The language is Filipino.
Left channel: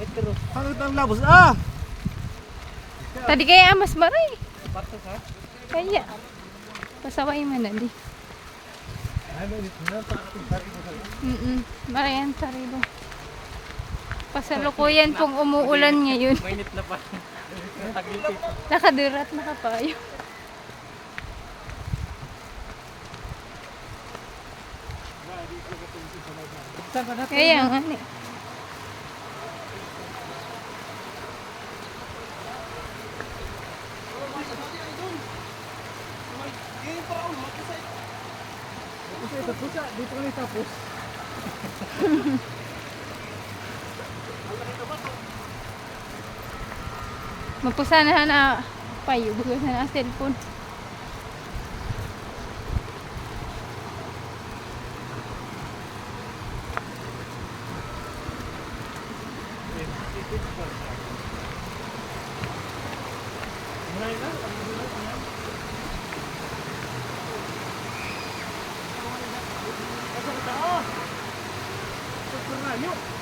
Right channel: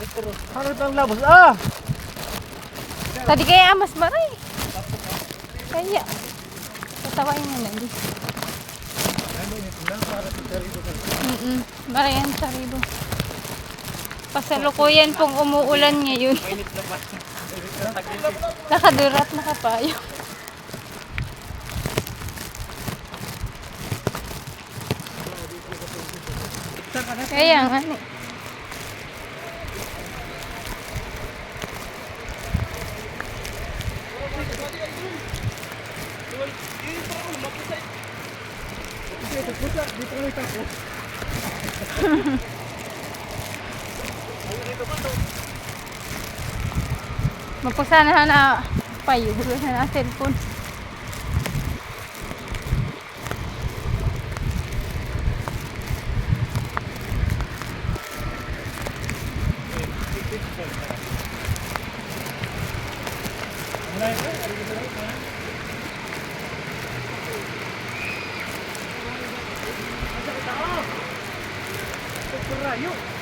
Bakit ang labos? Ah! Tadi kaya mas maray. Kaya. Pasawain na lang di. Marayan sa ribo. Pasalukuyan pong umuulan ngayon. Mainit na pa. Nakadirat na kapayo. Kaya nga ano. Dito kami tapos. Magpasana na payo. Huwag na cellphone. Rayo.